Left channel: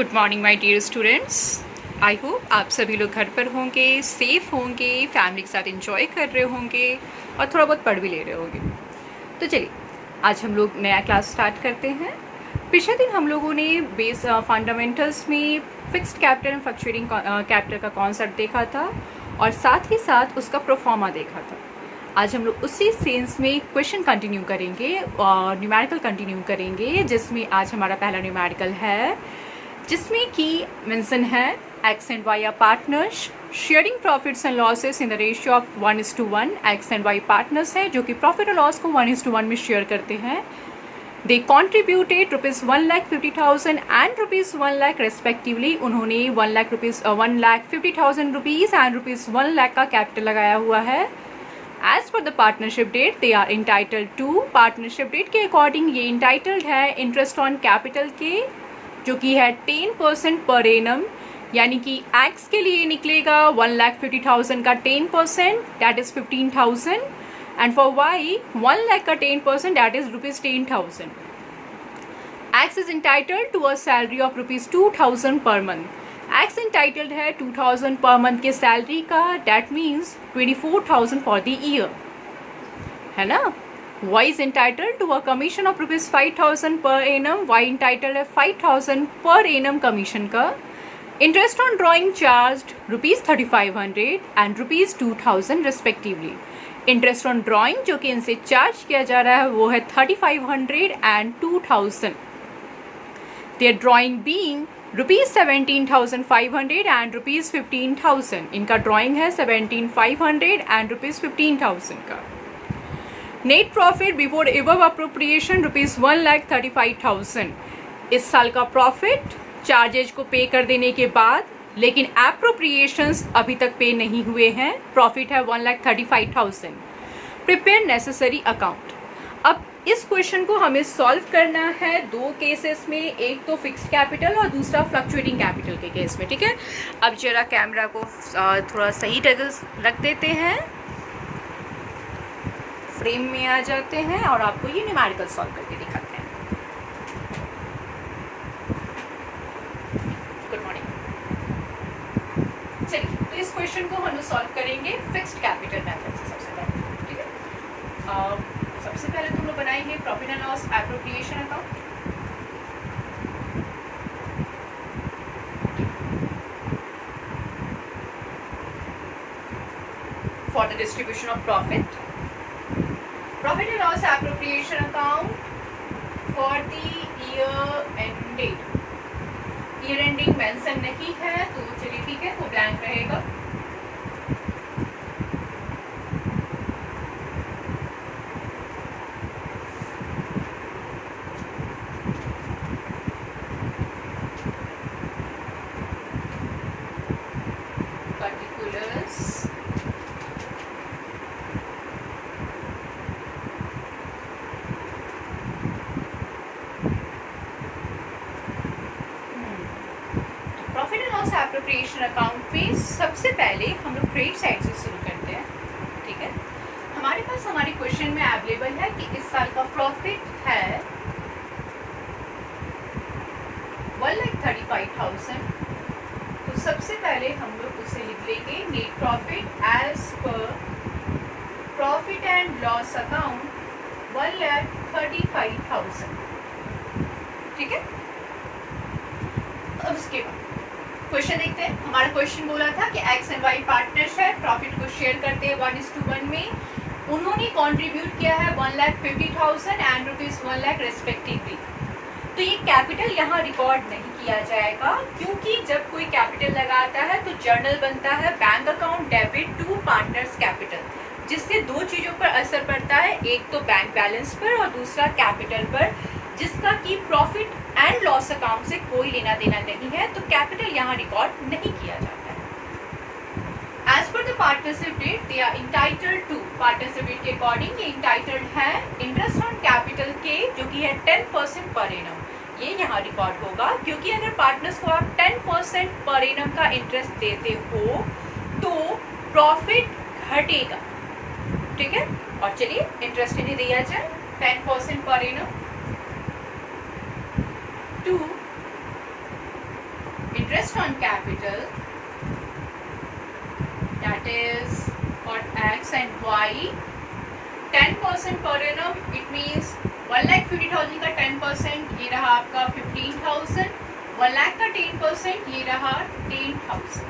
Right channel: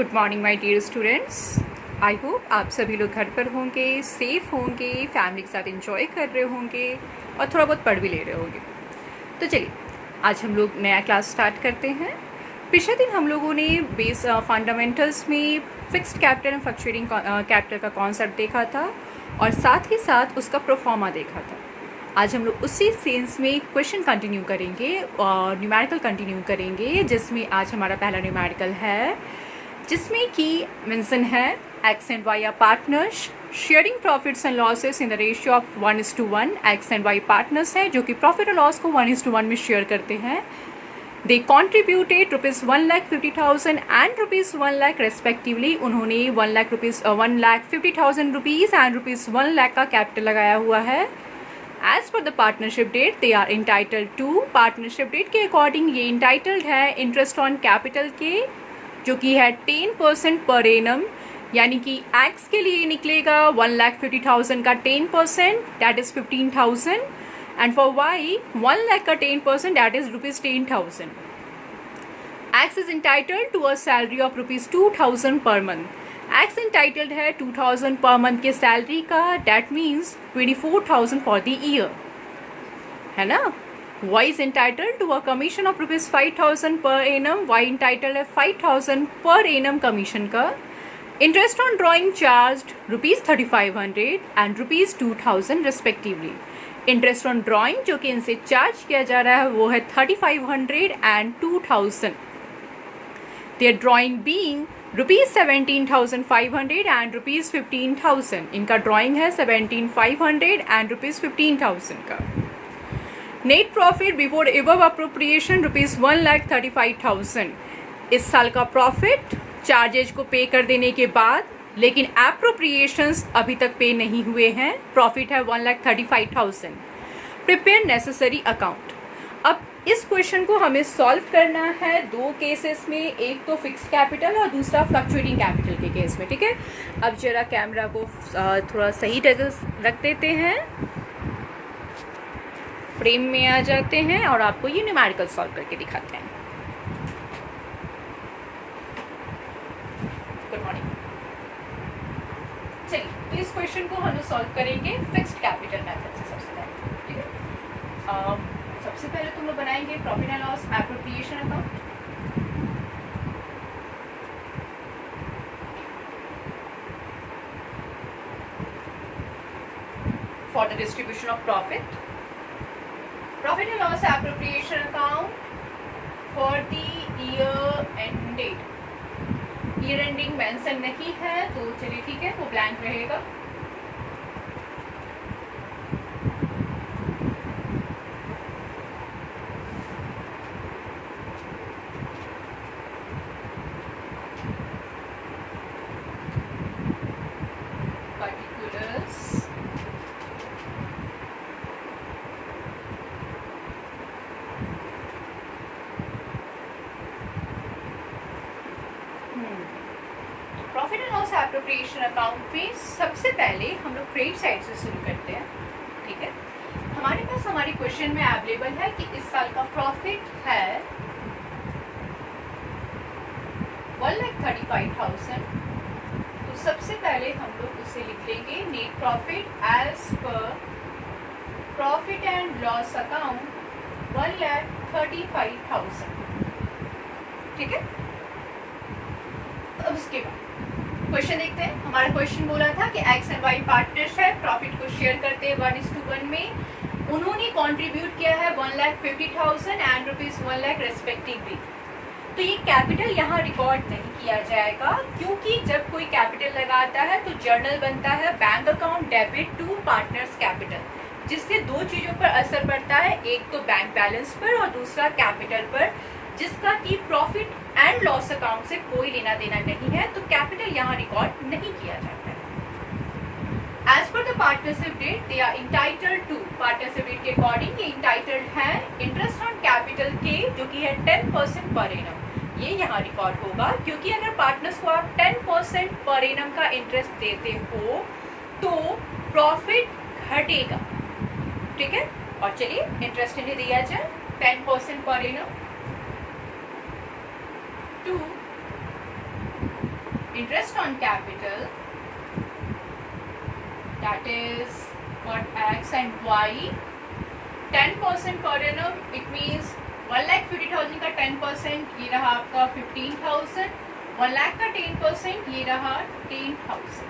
Good morning my dear students. I hope आप सभी लोग घर पर होंगे, सेफ होंगे, फैमिली के साथ एंजॉय कर रहे होंगे और थोड़ा बहुत पढ़ भी ले रहे होंगे। तो चलिए आज हम लोग नया क्लास स्टार्ट करते हैं। पिछले दिन हम लोगों ने बेस फंडामेंटल्स में fixed capital and fluctuating capital का कॉन्सेप्ट देखा था और साथ ही साथ उसका प्रोफॉर्मा देखा था। आज हम लोग उसी सेंस में क्वेश्चन कंटिन्यू करेंगे और न्यूमेरिकल कंटिन्यू करेंगे, जिसमें आज हमारा पहला न्यूमेरिकल है जिसमें कि मेंशन है X and Y are partners sharing profits and losses in the ratio of 1:1। X and Y partners है जो कि प्रॉफिट और लॉस को 1:1 में शेयर करते हैं। दे कॉन्ट्रीब्यूटेड ₹1,50,000 एंड ₹1,00,000 रेस्पेक्टिवली। उन्होंने 1,50,000 रुपीज़ एंड ₹1,00,000 का कैपिटल लगाया हुआ है। As per the partnership deed they are entitled to. Partnership deed के अकॉर्डिंग ये इंटाइटल्ड है इंटरेस्ट ऑन कैपिटल के, जो कि है 10% पर एनम। यानी कि एक्स के लिए निकलेगा 1,50,000 का 10%, that is 15,000, and for Y 1,00,000 का 10%, that is ₹10,000। X is entitled to a salary of ₹2,000 per month. X entitled है 2,000 पर मंथ के सैलरी का, that means 24,000 for the year, है ना। Y is entitled to a commission of ₹5,000 per annum. Y entitled है 5,000 per annum commission का। Interest on drawing charged ₹3,500 and ₹2,000 respectively. Interest on drawing जो कि इनसे charge किया जा रहा है वो है 3,500 and 2,000. Their drawing being ₹17,500 and ₹15,000. इनका ड्राइंग है 17,500 and ₹15,000 का। Net profit before above appropriation ₹1,35,000। इस साल का प्रॉफिट चार्जेज को पे कर देने के बाद, लेकिन एप्रोप्रिएशंस अभी तक पे नहीं हुए हैं। प्रॉफिट है 1,35,000। Prepare necessary account. अब इस क्वेश्चन को हमें सॉल्व करना है दो केसेस में, एक तो फिक्स्ड कैपिटल और दूसरा फ्लक्चुएटिंग कैपिटल के केस में, ठीक है। अब जरा कैमरा को थोड़ा सही जगह रख देते हैं, फ्रेम में आ जाते हैं और आपको ये न्यूमेरिकल सॉल्व करके दिखाते हैं। Good morning. चलिए तो इस क्वेश्चन को हम सॉल्व करेंगे फिक्स्ड कैपिटल मेथड से सबसे पहले, ठीक है। सबसे पहले तुम लोग बनाएंगे profit and loss appropriation account. For the distribution of profit, profit and loss appropriation account for the year ended। year ending mention नहीं है तो चलिए ठीक है, वो ब्लैंक रहेगा। particulars एप्रोप्रिएशन अकाउंट पे सबसे पहले हम लोग क्रेडिट साइड से शुरू करते हैं, ठीक है। हमारे पास हमारे क्वेश्चन में अवेलेबल है कि इस साल का प्रॉफिट है 1,35,000। तो सबसे पहले हम लोग उसे लिख लेंगे net profit as per profit and loss account 1,35,000, ठीक है। अब उसके बाद क्वेश्चन देखते हैं। हमारा क्वेश्चन बोला था कि एक्स एंड वाई पार्टनर्स है, प्रॉफिट को शेयर करते हैं 1:1 में। उन्होंने कंट्रीब्यूट किया है 1,50,000 एंड ₹1,00,000 रेस्पेक्टिवली। तो ये कैपिटल यहाँ रिकॉर्ड नहीं किया जाएगा, क्योंकि जब कोई कैपिटल लगाता है तो जर्नल बनता है bank account debit to partners capital, जिससे दो चीजों पर असर पड़ता है, एक तो बैंक बैलेंस पर और दूसरा कैपिटल पर, जिसका कि प्रॉफिट एंड लॉस अकाउंट से कोई लेना देना नहीं है। तो कैपिटल यहाँ रिकॉर्ड नहीं किया जाता है। As per the partnership deed they are entitled to. Partnership deed के अकॉर्डिंग ये इंटाइटल्ड है इंटरेस्ट ऑन कैपिटल के, जो कि है 10% पर एनम। ये यहाँ रिकॉर्ड होगा, क्योंकि अगर पार्टनर्स को आप 10% पर एनम का इंटरेस्ट देते हो तो प्रॉफिट घटेगा, ठीक है। और चलिए इंटरेस्ट इन्हें दिया जाए 10% per annum to interest on capital, that is for X and Y, 10% per annum. It means 1,50,000 का 10% ये रहा आपका 15,000, 1 लाख का 10% ये रहा 10,000.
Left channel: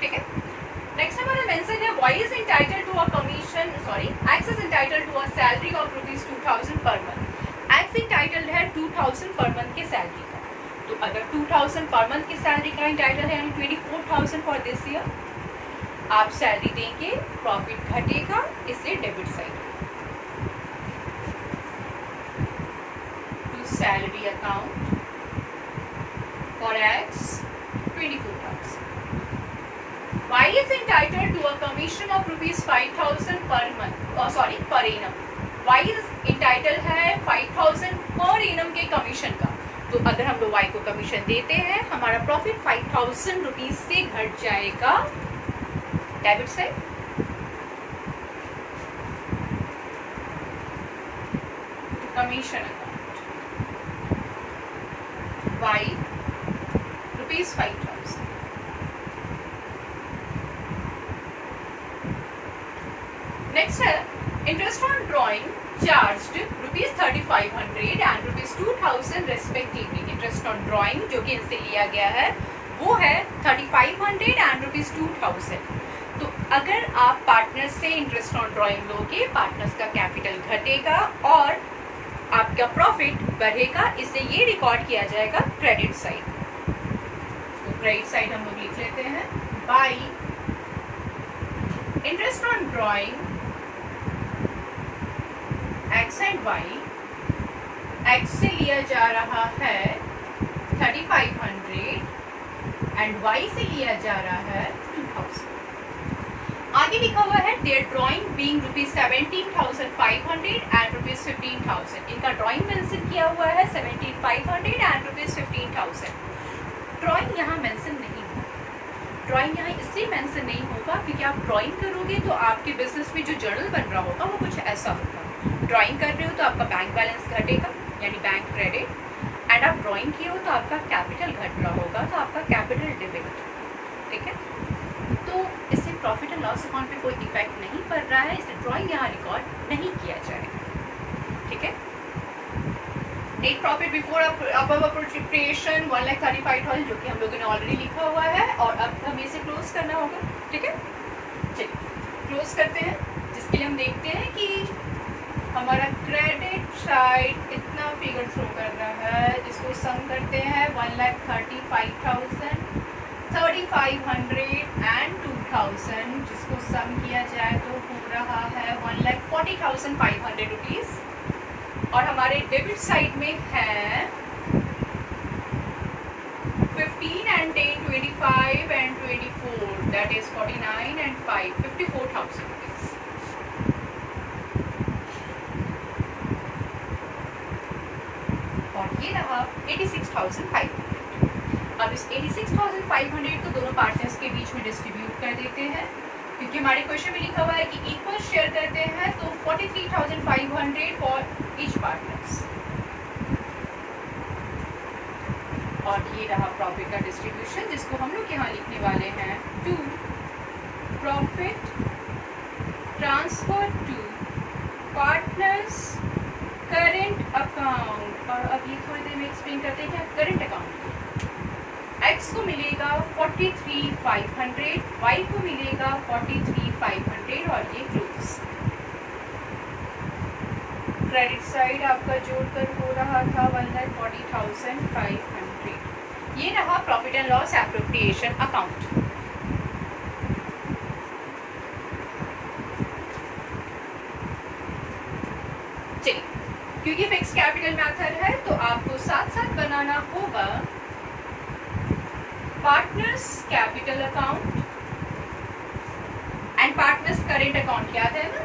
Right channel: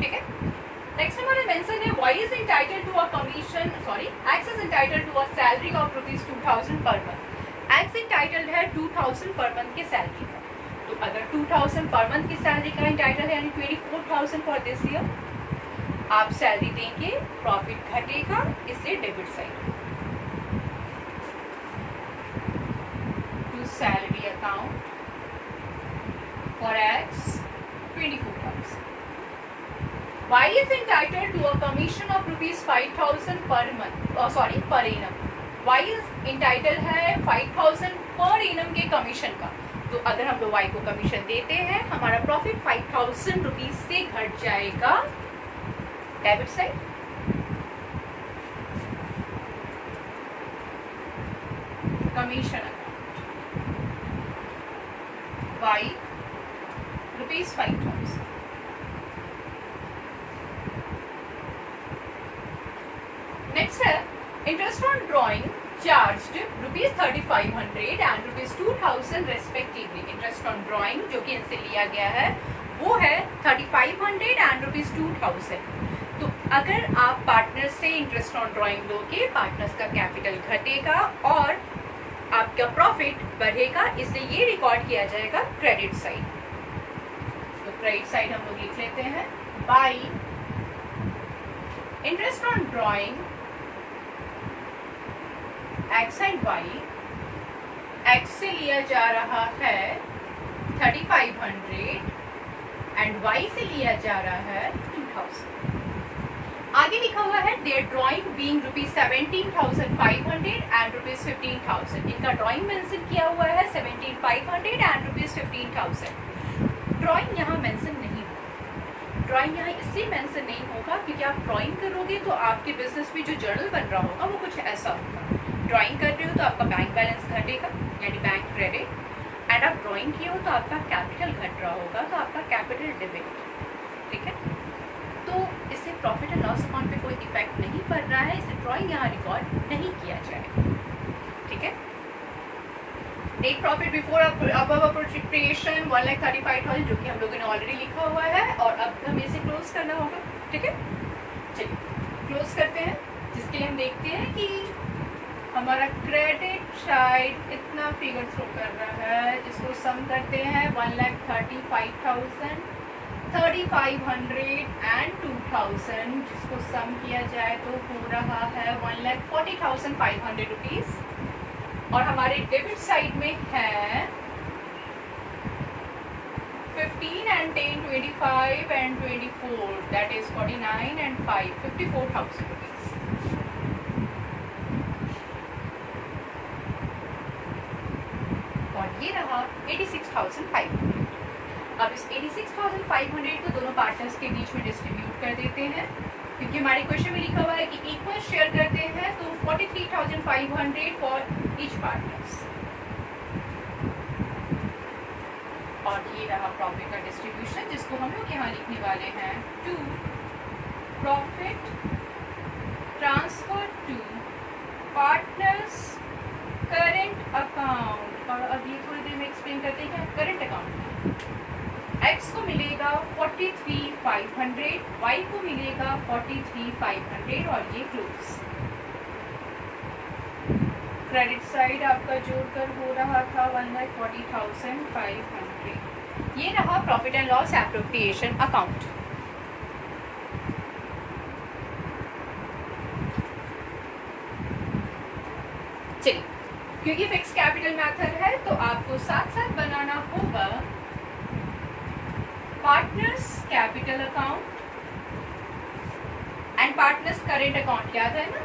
ठीक है. नेक्स्ट हमारा मेंशन है Y is entitled to a commission, X is entitled to a salary of ₹2,000 per month. X entitled है 2,000 पर मंथ के सैलरी का. तो अगर 2,000 पर मंथ की सैलरी का entitled है यानी 24,000 फॉर दिस ईयर, आप सैलरी देंगे, प्रॉफिट घटेगा, इसलिए debit side. To salary account for X 24,000. Y is entitled to a commission of ₹5,000 per month, per annum. Y is entitled है 5,000 पर annum के कमीशन का. तो अगर हम लोग Y को कमीशन देते हैं, हमारा प्रॉफिट 5,000 रुपीज से घट जाएगा debit side. Commission Y ₹5,000. Next है interest on drawing charged ₹3,500 and ₹2,000 respectively. Interest on drawing जो कि इनसे लिया गया है वो है 3,500 एंड ₹2,000. तो अगर आप पार्टनर्स से इंटरेस्ट ऑन ड्रॉइंग लोगे, पार्टनर्स का कैपिटल घटेगा और आपका प्रॉफिट बढ़ेगा, इसलिए ये रिकॉर्ड किया जाएगा क्रेडिट साइड. तो क्रेडिट साइड हम लोग लिख लेते हैं bye interest on drawing X and Y. X से लिया जा रहा है 3,500 एंड Y से लिया जा रहा है 2,000. आगे लिखा हुआ है देयर ड्रॉइंग बीइंग ₹17,500 एंड ₹15,000. इनका ड्रॉइंग मेंशन किया हुआ है 17,500 एंड ₹15,000. ड्रॉइंग यहाँ मेंशन नहीं होगा. ड्रॉइंग यहाँ इसलिए मेंशन नहीं होगा क्योंकि आप ड्रॉइंग करोगे तो आपके बिजनेस में जो जर्नल बन रहा होगा वो कुछ ऐसा होगा. ड्राइंग कर रहे हो तो आपका बैंक बैलेंस घटेगा यानी बैंक क्रेडिट, एंड आप ड्राइंग किए हो तो आपका कैपिटल घट रहा होगा तो आपका कैपिटल डेबिट. ठीक है. तो इससे प्रॉफिट एंड लॉस अकाउंट पे कोई इफेक्ट नहीं पड़ रहा है, इसलिए ड्राइंग यहाँ रिकॉर्ड नहीं किया जाएगा. ठीक है. नेट प्रॉफिट बिफोर अप्रोप्रिएशन 1,35,000 जो कि हम लोगों ने ऑलरेडी लिखा हुआ है और अब हमें इसे क्लोज करना होगा. ठीक है. चलिए क्लोज करते हैं, जिसके लिए हम देखते हैं कि हमारा क्रेडिट साइड इतना फिगर थ्रो कर रहा है, जिसको सम करते हैं 1,35,000, 3,500 एंड 2,000, जिसको सम किया जाए तो हो रहा है 1,40,500 रुपीज. और हमारे डेबिट साइड में है 15 and 10, 25 and 24, that is 49 and 5, 54,000 rupees. और ये रहा 86,500. अब इस 86,500 को दोनों पार्टनर्स के बीच में डिस्ट्रीब्यूट कर देते हैं, क्योंकि हमारे क्वेश्चन में लिखा हुआ है कि इक्वल शेयर करते हैं, तो 43,500 फॉर ईच पार्टनर्स. और ये रहा प्रॉफिट का डिस्ट्रीब्यूशन, जिसको हम लोग यहाँ लिखने वाले हैं to profit transfer to partners current account. और अब ये थोड़ी देर में एक्सप्लेन करते हैं करेंट अकाउंट. X को मिलेगा 43,500, Y को मिलेगा 43,500 और ये क्लोज. क्रेडिट साइड आपका जोड़कर हो रहा था 1,40,500. ये रहा profit and loss appropriation account. चलिए, क्योंकि फिक्स कैपिटल मेथड है तो आपको साथ साथ बनाना होगा partners capital account and partners current account. याद है ना?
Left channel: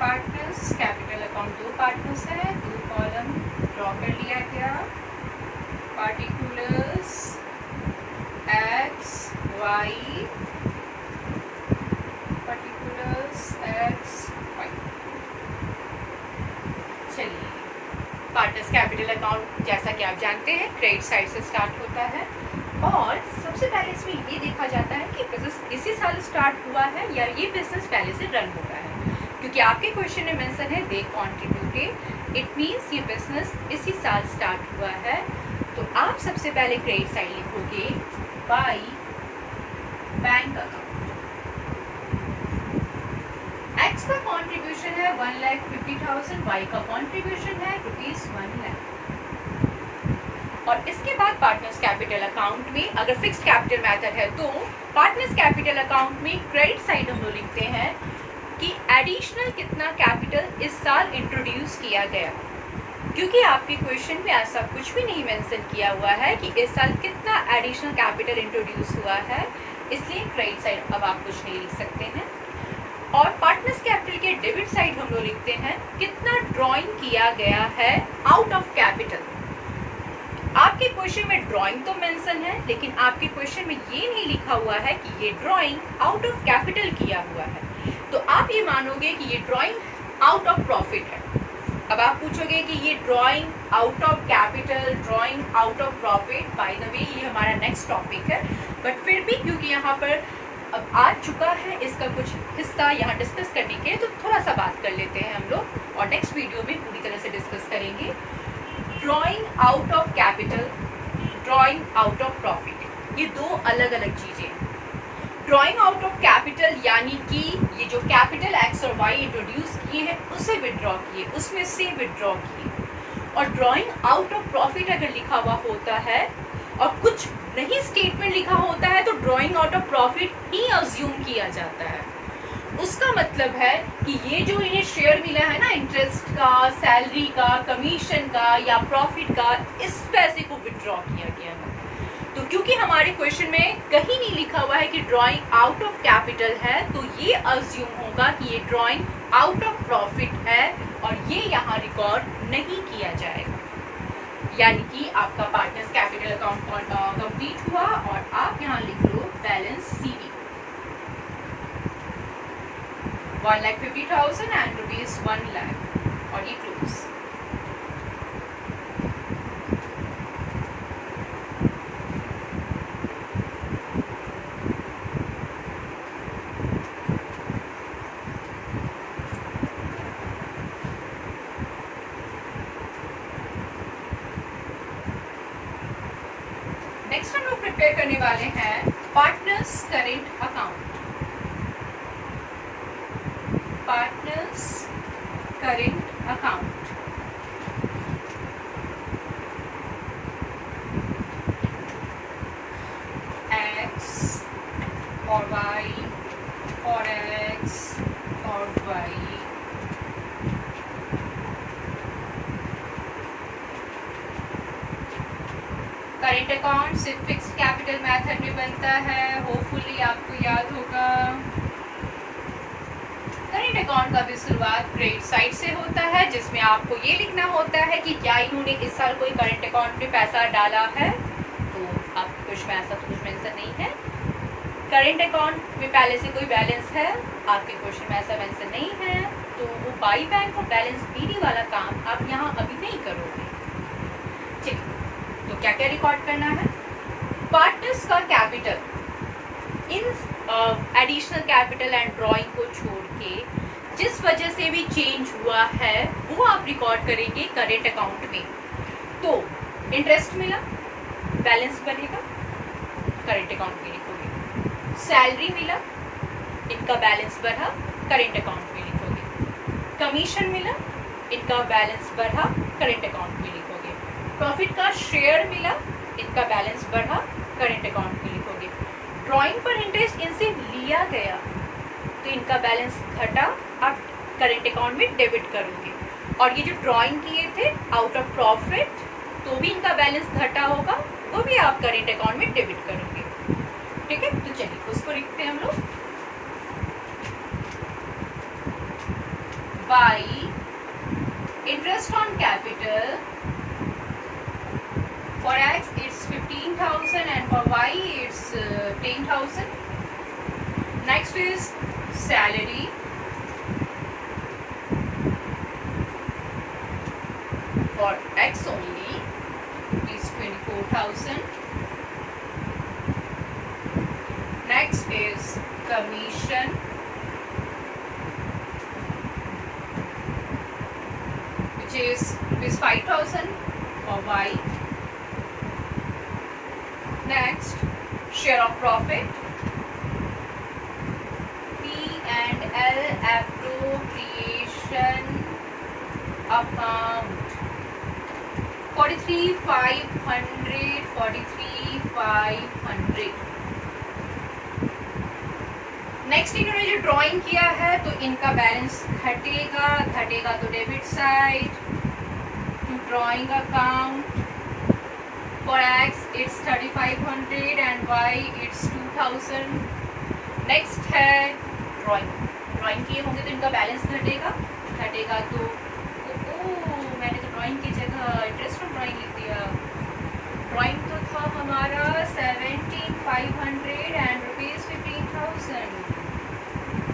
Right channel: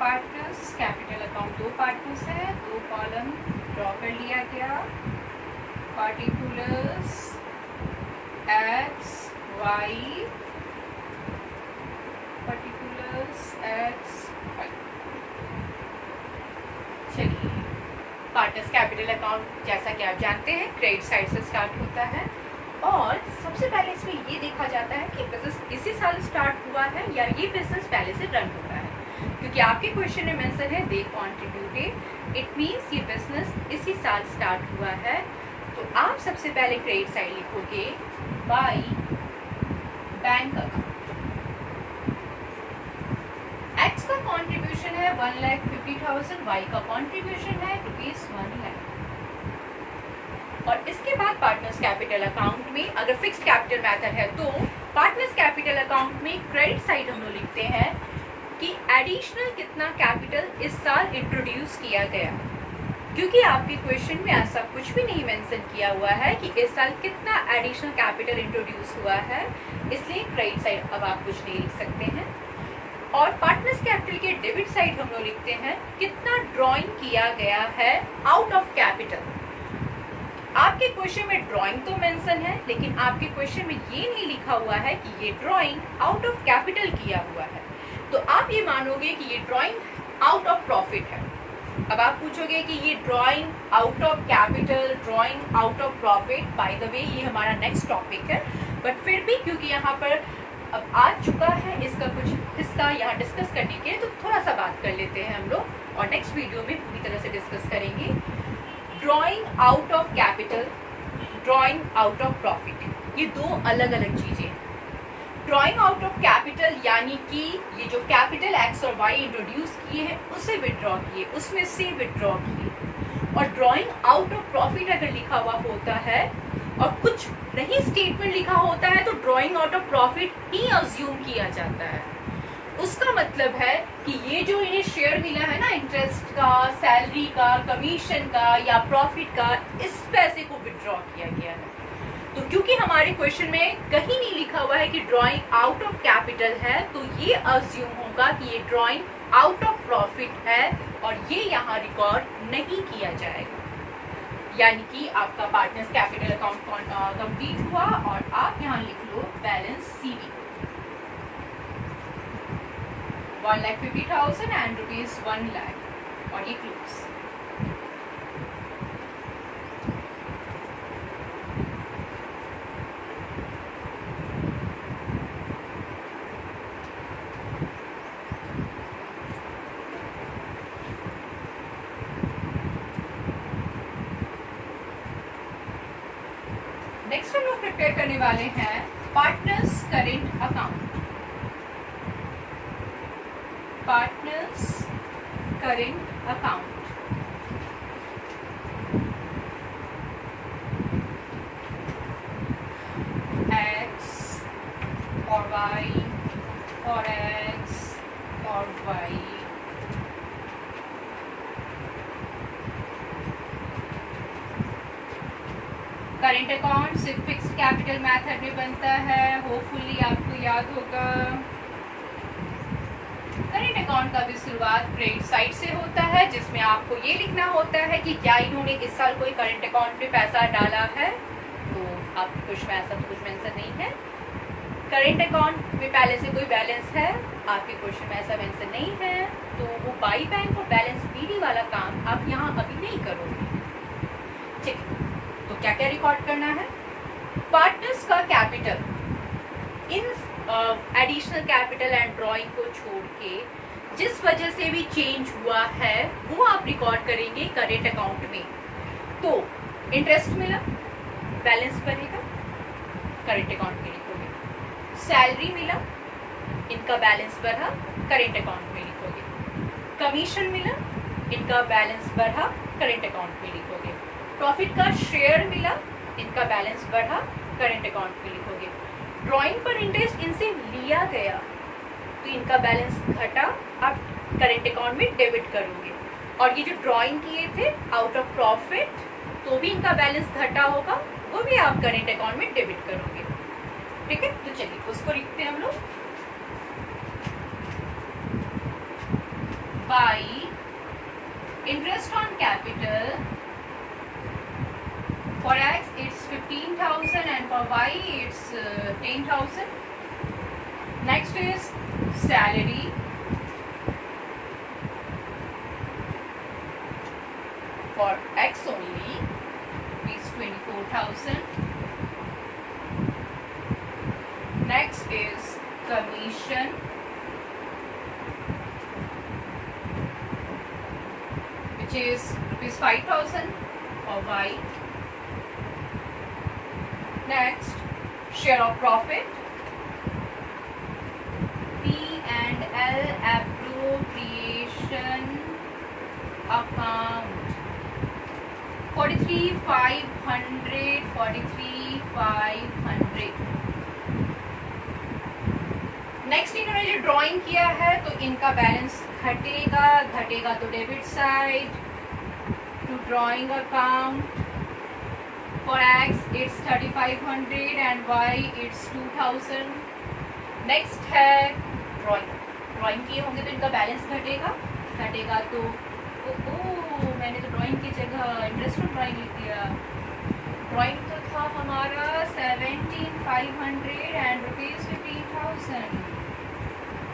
पार्टनर्स कैपिटल अकाउंट, दो पार्टनर्स है, दो कॉलम ड्रॉ कर लिया गया. Particulars X Y, partners capital account जैसा कि आप जानते हैं क्रेडिट साइड से स्टार्ट होता है और सबसे पहले इसमें ये देखा जाता है कि बिजनेस इसी साल स्टार्ट हुआ है या ये बिजनेस पहले से रन होता है, क्योंकि आपके क्वेश्चन में मेंशन है दे कॉन्ट्रीब्यूटेड, इट मीन्स ये बिजनेस इसी साल स्टार्ट हुआ है। तो आप सबसे पहले क्रेडिट साइड लिखोगे बाय बैंक अकाउंट। एक्स का कॉन्ट्रीब्यूशन है 1,50,000, वाई का कॉन्ट्रीब्यूशन है ₹1 लाख। और इसके बाद पार्टनर्स कैपिटल अकाउंट में अगर फिक्स्ड कैपिटल मेथड है तो पार्टनर्स कैपिटल अकाउंट में क्रेडिट साइड हम लोग लिखते हैं कि एडिशनल कितना कैपिटल इस साल इंट्रोड्यूस किया गया, क्योंकि आपके क्वेश्चन में ऐसा कुछ भी नहीं मेंशन किया हुआ है कि इस साल कितना एडिशनल कैपिटल इंट्रोड्यूस हुआ है, इसलिए क्रेडिट साइड अब आप कुछ नहीं लिख सकते हैं। और पार्टनर्स कैपिटल के डेबिट साइड हम लोग लिखते हैं कितना ड्राइंग किया गया है आउट ऑफ कैपिटल। आपके क्वेश्चन में ड्राइंग तो मेंशन है, लेकिन आपके क्वेश्चन में ये नहीं लिखा हुआ है कि ये ड्राइंग आउट ऑफ कैपिटल किया हुआ है, तो आप ये मानोगे कि ये ड्राइंग आउट ऑफ प्रॉफिट है। अब आप पूछोगे कि ये drawing out of capital, drawing out of profit, by the way ये हमारा नेक्स्ट टॉपिक है, बट फिर भी क्योंकि यहाँ पर अब आ चुका है इसका कुछ हिस्सा यहाँ डिस्कस करने के लिए, तो थोड़ा सा बात कर लेते हैं हम लोग और नेक्स्ट वीडियो में पूरी तरह से डिस्कस करेंगे। Drawing out of capital, drawing out of profit, ये दो अलग अलग चीजें। ड्राइंग आउट ऑफ कैपिटल यानी कि ये जो कैपिटल एक्स और वाई इंट्रोड्यूस किए हैं उसे विड्रॉ किए, उसमें से विड्रॉ किए। और ड्राइंग आउट ऑफ प्रॉफिट अगर लिखा हुआ होता है और कुछ नहीं स्टेटमेंट लिखा होता है तो drawing out of profit he assume किया जाता है। उसका मतलब है कि ये जो इन्हें शेयर मिला है ना, इंटरेस्ट का, सैलरी का, कमीशन का या प्रॉफिट का, इस पैसे को विड्रॉ किया गया है। तो क्योंकि हमारे क्वेश्चन में कहीं नहीं लिखा हुआ है कि ड्राइंग आउट ऑफ कैपिटल है, तो ये अज्यूम होगा कि ये ड्राइंग आउट ऑफ प्रॉफिट है और ये यहाँ रिकॉर्ड नहीं किया जाएगा। यानी कि आपका पार्टनर्स कैपिटल अकाउंट कंप्लीट हुआ और आप यहाँ लिख लो बैलेंस सीडी 1,50,000 एंड ₹1 लाख और ये क्लोज। नेक्स्ट हम लोग प्रिपेयर करने वाले हैं partners current account. Partners current account x और वाई और एक्स और वाई करेंट अकाउंट सिर्फ फिक्स्ड कैपिटल मेथड में बनता है, होपफुली आपको याद होगा। करेंट अकाउंट का भी शुरुआत क्रेडिट साइड से होता है, जिसमें आपको ये लिखना होता है कि क्या इन्होंने इस साल कोई करेंट अकाउंट में पैसा डाला है, तो आपके कुछ में ऐसा कुछ मेंशन नहीं है। करेंट अकाउंट में पहले से कोई बैलेंस है, आपके क्वेश्चन में ऐसा मेंशन नहीं है, तो वो बाई बैंक और बैलेंस बीडी वाला काम आप यहाँ अभी नहीं करोगे। ठीक, तो क्या क्या रिकॉर्ड करना है? पार्टनर्स का capital in additional capital and drawing को छोड़ के जिस वजह से भी चेंज हुआ है वो आप रिकॉर्ड करेंगे करेंट अकाउंट में। तो इंटरेस्ट मिला, बैलेंस बनेगा, करेंट अकाउंट में लिखोगे। सैलरी मिला, इनका बैलेंस बढ़ा, करेंट अकाउंट में लिखोगे। कमीशन मिला, इनका बैलेंस बढ़ा, करेंट अकाउंट में लिखोगे। प्रॉफिट का शेयर मिला, इनका बैलेंस बढ़ा, करेंट अकाउंट में लिखोगे। ड्राइंग पर इंटरेस्ट इनसे लिया गया तो इनका बैलेंस घटा, आप करेंट अकाउंट में डेबिट करोगे। और ये जो ड्राइंग किए थे आउट ऑफ प्रॉफिट, तो भी इनका बैलेंस घटा होगा, वो भी आप करेंट अकाउंट में डेबिट करोगे। ठीक है, तो चलिए उसको लिखते हैं हम लोग। By interest on capital, for X it's 15,000 and for Y it's 10,000. Next is salary. For is rupees 5,000 for Y. Next, share of profit, P&L appropriation account 43,500. Next इन्होंने जो ड्राइंग किया है तो इनका बैलेंस घटेगा तो debit side to drawing account for X it's 3,500 and Y it's 2,000. Next है drawing किए होंगे तो इनका बैलेंस घटेगा तो मैंने तो ड्राइंग की जगह इंटरेस्ट ऑन ड्राइंग लिख दिया. ड्राइंग तो था हमारा 17,500 एंड रुपीज़ 15,000.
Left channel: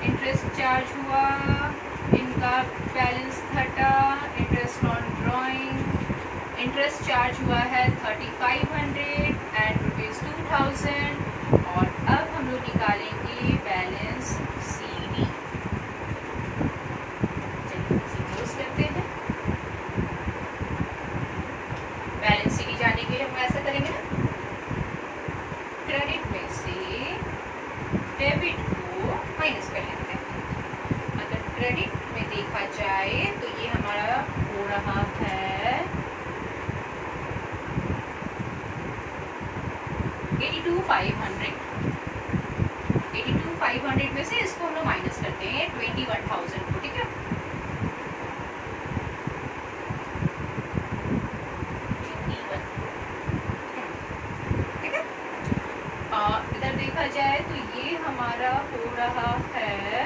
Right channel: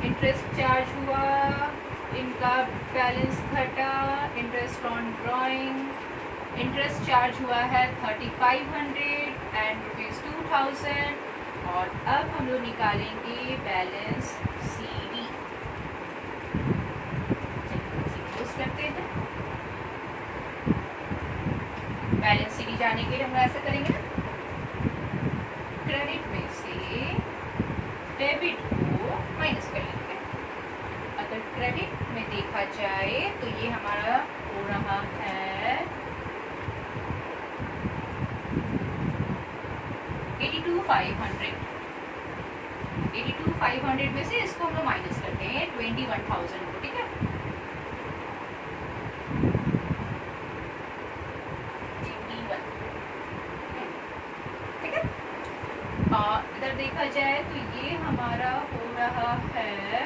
इंटरेस्ट चार्ज हुआ, इनका बैलेंस घटा. Interest on drawing, interest charge हुआ है 3,500 एंड रुपीज़ 2,000. और अब हम लोग निकालेंगे बैलेंस CD. करते हैं. बैलेंस CD जाने के लिए हम ऐसा करेंगे ना, क्रेडिट में से डेबिट को माइनस कर लेते हैं. अगर क्रेडिट में देखा जाए तो ये हमारा हो रहा है 82,500. 82,500 में से इसको हम लोग माइनस करते हैं 21,000 को. ठीक है, इधर देखा जाए तो ये हमारा हो रहा है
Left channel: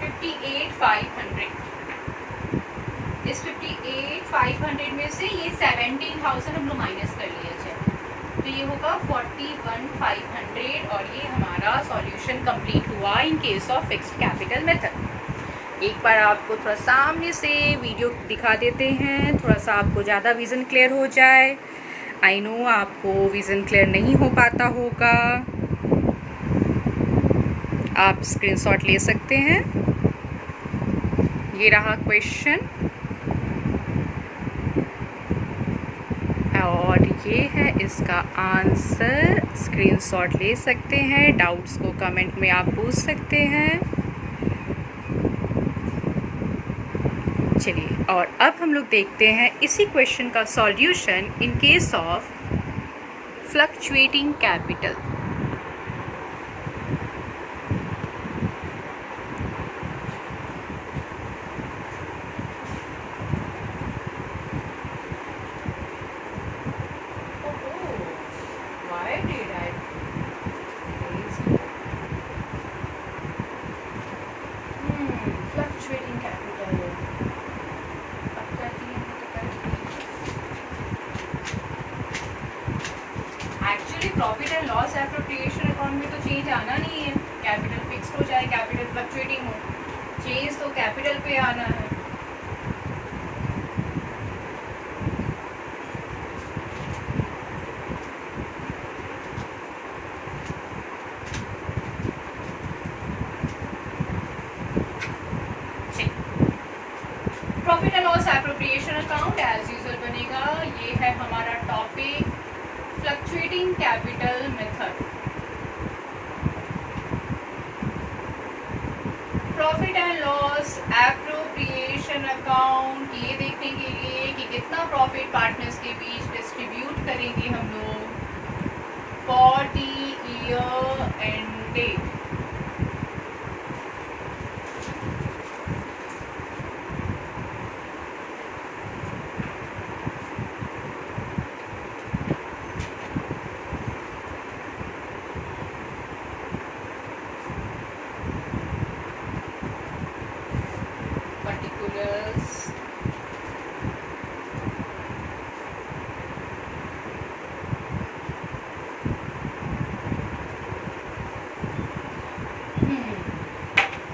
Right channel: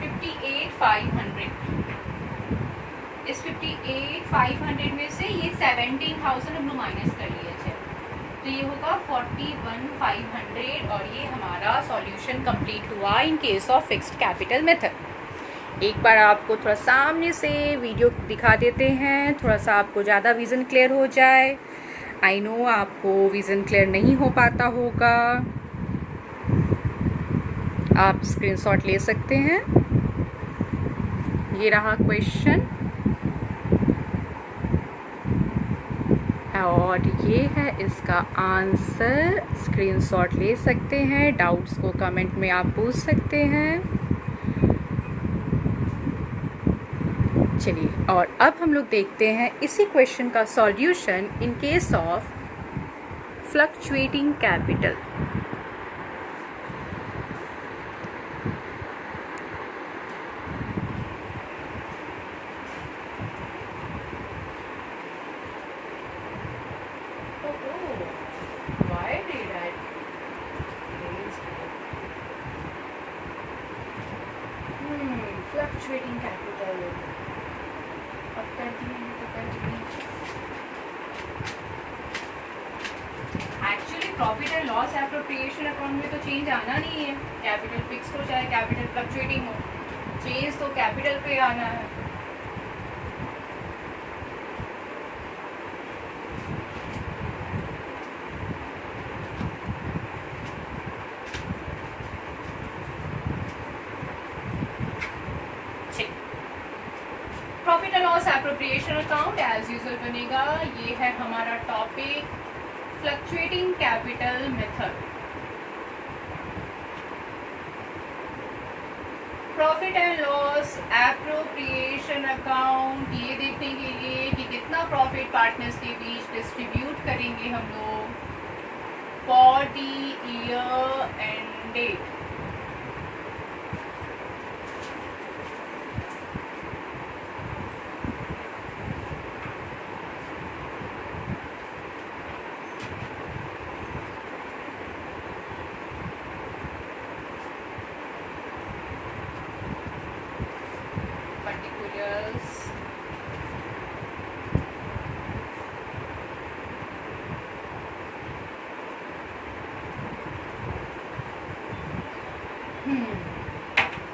58,500. इस 58,500 में से ये 17,000 हम लोग माइनस कर लिए थे तो ये होगा 41,500. और ये हमारा सॉल्यूशन कंप्लीट हुआ in case of fixed capital method. एक बार आपको थोड़ा सामने से वीडियो दिखा देते हैं, थोड़ा सा आपको ज़्यादा विज़न क्लियर हो जाए. आई नो आपको विज़न क्लियर नहीं हो पाता होगा, आप स्क्रीनशॉट ले सकते हैं. ये रहा क्वेश्चन और ये है इसका आंसर. स्क्रीनशॉट ले सकते हैं, डाउट्स को कमेंट में आप पूछ सकते हैं. चलिए, और अब हम लोग देखते हैं इसी क्वेश्चन का solution in case of fluctuating capital. Fluctuating capital actually profit and loss appropriation account में तो चेंज आना नहीं है. कैपिटल फिक्स्ड हो चाहे कैपिटल फ्लक्चुएटिंग हो, चेंज तो कैपिटल पे आना है. Profit and loss appropriation account as usual बनेगा. ये है हमारा topic fluctuating capital method. Profit and loss appropriation account ये देखने के लिए कि कितना प्रॉफिट पार्टनर्स के बीच डिस्ट्रीब्यूट करेंगे हम लोग फॉर द ईयर एंडेड.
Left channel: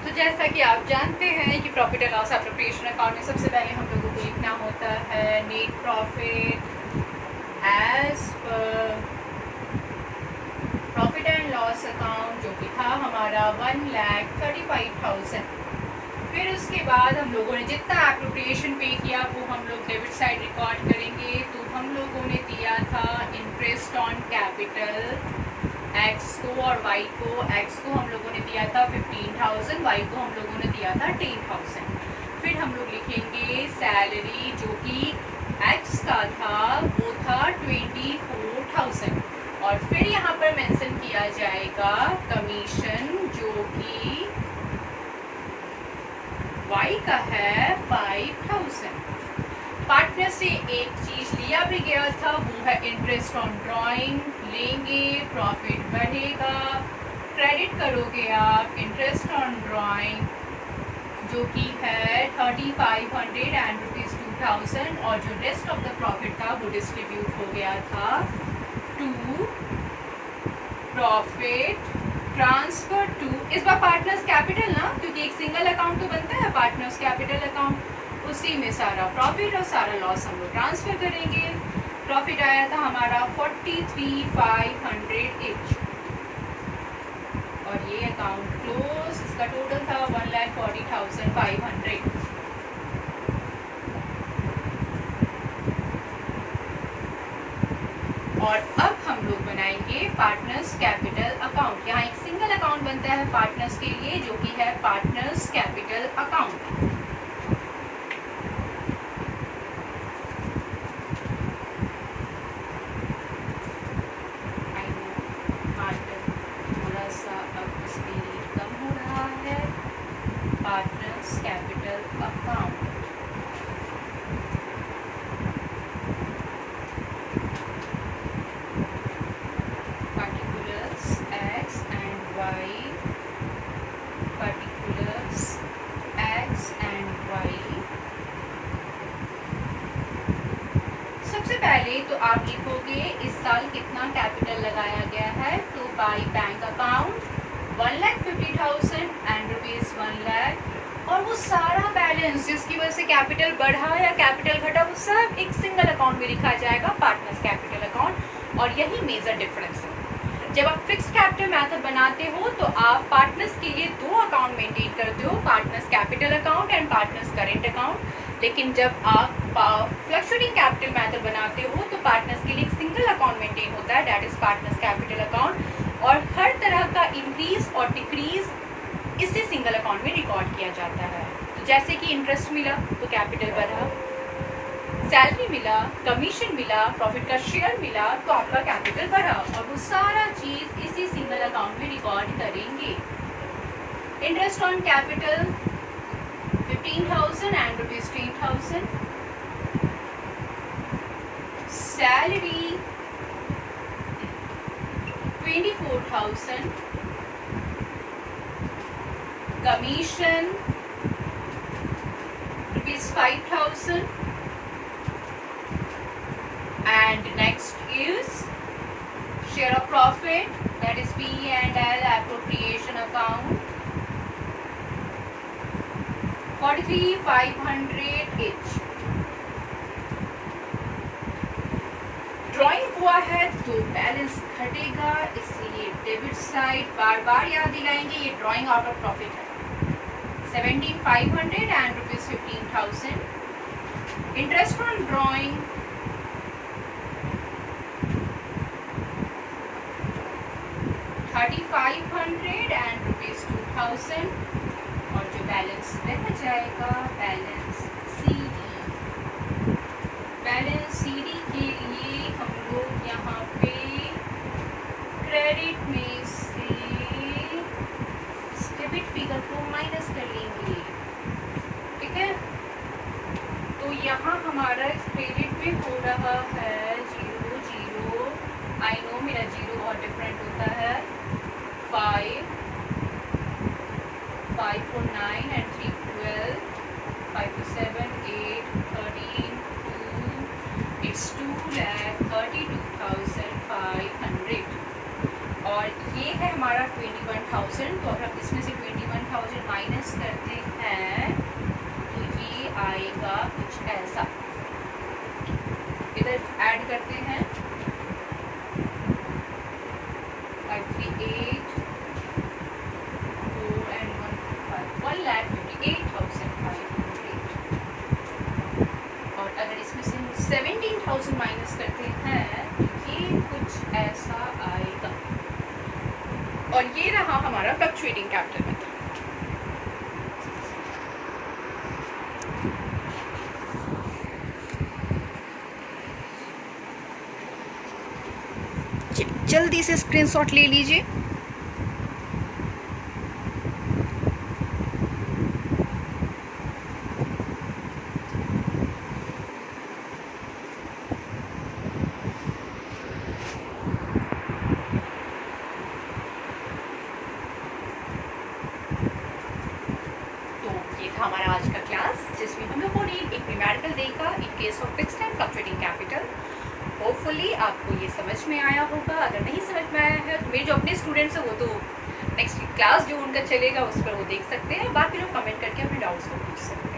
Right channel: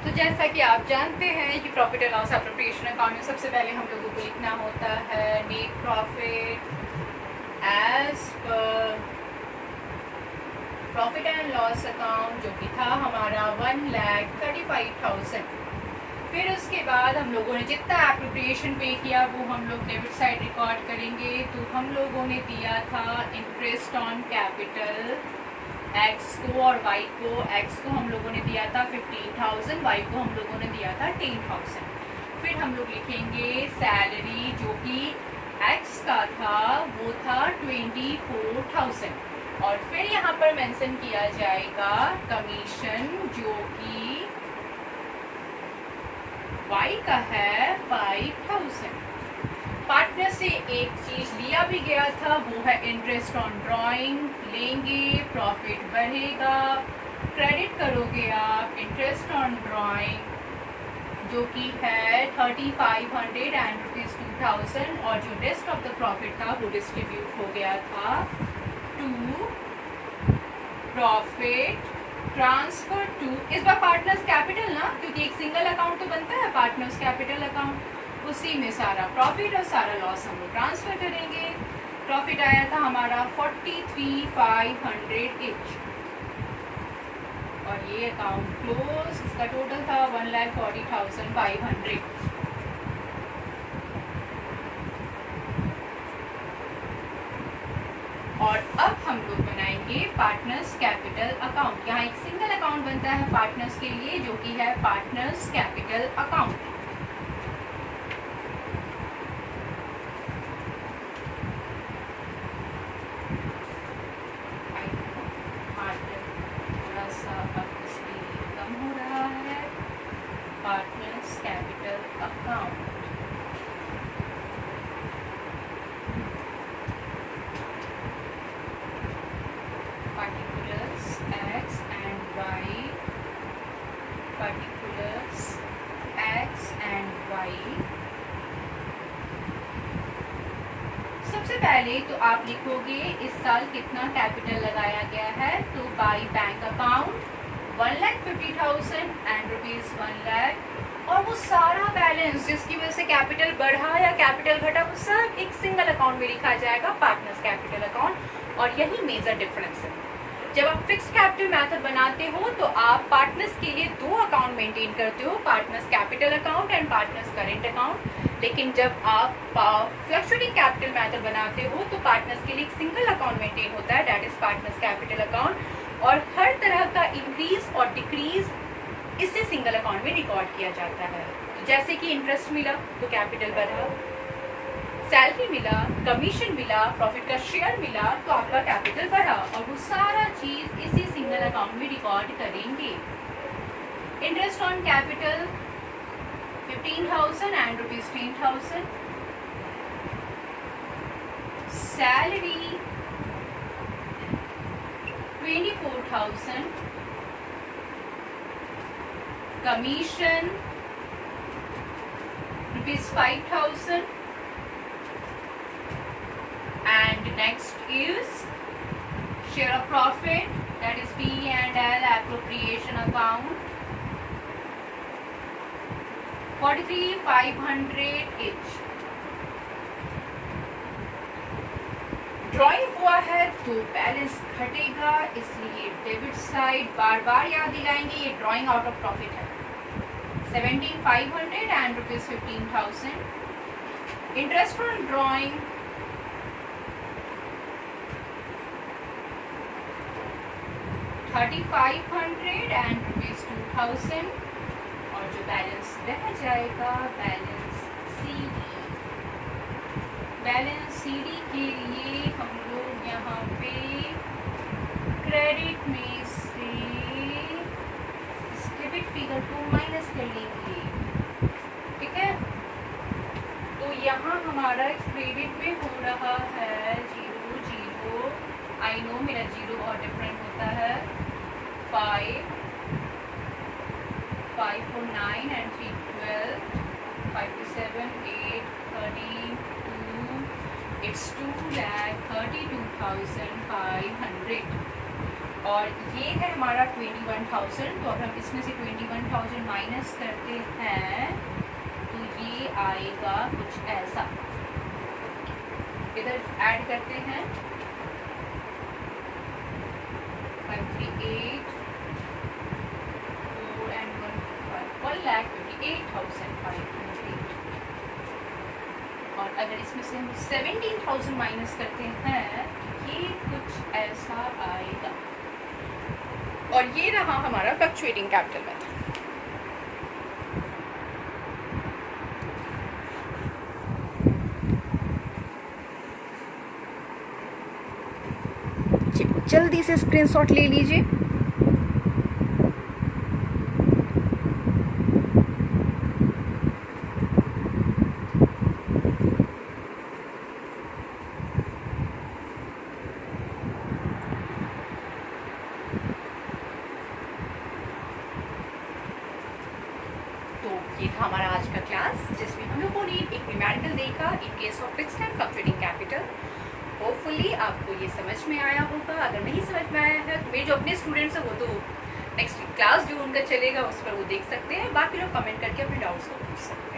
तो जैसा कि आप जानते हैं कि profit and loss appropriation account में सबसे पहले हम लोगों को लिखना होता है net profit as per profit and loss account जो कि था हमारा 1,35,000. फिर उसके बाद हम लोगों ने जितना एप्रोप्रिएशन पे किया वो हम लोग डेबिट साइड रिकॉर्ड करेंगे। तो हम लोगों ने दिया था इंटरेस्ट ऑन कैपिटल एक्स को और वाई को। एक्स को हम लोगों ने दिया था 15,000, वाई को हम लोगों ने दिया था 10,000। फिर हम लोग लिखेंगे सैलरी जो कि एक्स का था वो था 24,000 और फिर यहाँ पर मेंशन किया जाएगा कमीशन जो कि वाई का है 5,000। पार्टनर से एक चीज लिया भी गया था वो है इंटरेस्ट ऑन ड्राइंग। लेंगे, प्रॉफिट बढ़ेगा, क्रेडिट करोगे आप इंटरेस्ट ऑन ड्राइंग जो कि है 3,500 एंड ₹2,000 और जो रेस्ट ऑफ द प्रॉफिट था वो डिस्ट्रीब्यूट हो गया था टू प्रॉफिट ट्रांसफर टू, इस बार पार्टनर्स कैपिटल ना, क्योंकि एक सिंगल अकाउंट तो बनता है पार्टनर्स कैपिटल अकाउंट, उसी में सारा प्रॉफिट और सारा लॉस हम लोग ट्रांसफर करेंगे। प्रॉफिट आया था हमारा 43,500 इच और ये अकाउंट क्लोज। इसका टोटल था 1,40,500। और अब हम लोग बनाएंगे पार्टनर्स कैपिटल अकाउंट। यहाँ एक सिंगल अकाउंट बनता है पार्टनर्स के लिए जो कि है पार्टनर्स कैपिटल अकाउंट। थोड़ा सा अब स्पीड कम हो रहा है। पार्टनर्स कैपिटल अकाउंट सबसे पहले तो आप लिखोगे इस साल कितना कैपिटल लगाया गया है। तो by bank account 1,50,000 and ₹1 lakh और वो सारा बैलेंस जिसकी वजह से कैपिटल बढ़ा या कैपिटल घटा वो सब एक सिंगल अकाउंट में लिखा जाएगा पार्टनर्स कैपिटल अकाउंट। और यही मेजर डिफरेंस है। जब आप फिक्स्ड कैपिटल मेथड बनाते हो तो आप पार्टनर्स के लिए दो अकाउंट मेंटेन करते हो, partners capital account and partners current account. लेकिन जब आप फ्लक्चुएटिंग कैपिटल मेथड बनाते हो तो पार्टनर्स के लिए एक सिंगल अकाउंट मेंटेन होता है, that is partners capital account. और हर तरह का इंक्रीज और डिक्रीज इसी सिंगल अकाउंट में रिकॉर्ड किया जाता है। जैसे कि इंटरेस्ट मिला तो कैपिटल बढ़ा, सैलरी मिला, कमीशन मिला, प्रॉफिट का शेयर मिला तो आपका कैपिटल बढ़ा और वो सारा चीज इसी सिंगल अकाउंट में रिकॉर्ड करेंगे। Interest on capital 15,000 and ₹10,000, salary 24,000, commission ₹5,000 and next is share of profit, that is P&L appropriation account 43,500 each। Drawing हुआ है तो बैलेंस घटेगा, इसलिए डेबिट साइड बार बार याद दिलाएंगे ये ड्राइंग आउट ऑफ प्रॉफिट है 17,500 and ₹15,000। Interest on drawing 3,500 and ₹2,000 और जो बैलेंस रह जाएगा बैलेंस CD के लिए हम लोग यहाँ पे क्रेडिट में से डेबिट फिगर को माइनस कर लेंगे, ठीक है। तो यहाँ हमारा क्रेडिट में हो रहा है 0, आई नो मेरा 0 और डिफरेंट होता है 5 4 9 and 3 12 5 7 8 13 2 it's 2,32,500 और ये है हमारा 21,000। तो अगर हम इसमें से 21,000 माइनस करते हैं तो ये आएगा कुछ ऐसा, इधर ऐड करते हैं 538 4 and 1 5 1,58,000 17,000 माइनस करते हैं, ये कुछ ऐसा आएगा। और ये रहा हमारा फ्लक्चुएटिंग कैपिटल मेथड। जल्दी से स्क्रीनशॉट ले लीजिए। ये था हमारा आज का क्लास, जिसमें हम लोगों ने एक न्यूमेरिकल देखा in case of fixed and fluctuating capital. Hopefully आपको ये समझ में आया होगा। अगर नहीं समझ में आया है तो मेरे जो अपने स्टूडेंट्स हैं वो तो नेक्स्ट क्लास जो उनका चलेगा उस पर वो देख सकते हैं। बाकी लोग कमेंट करके अपने डाउट्स को पूछ सकते हैं।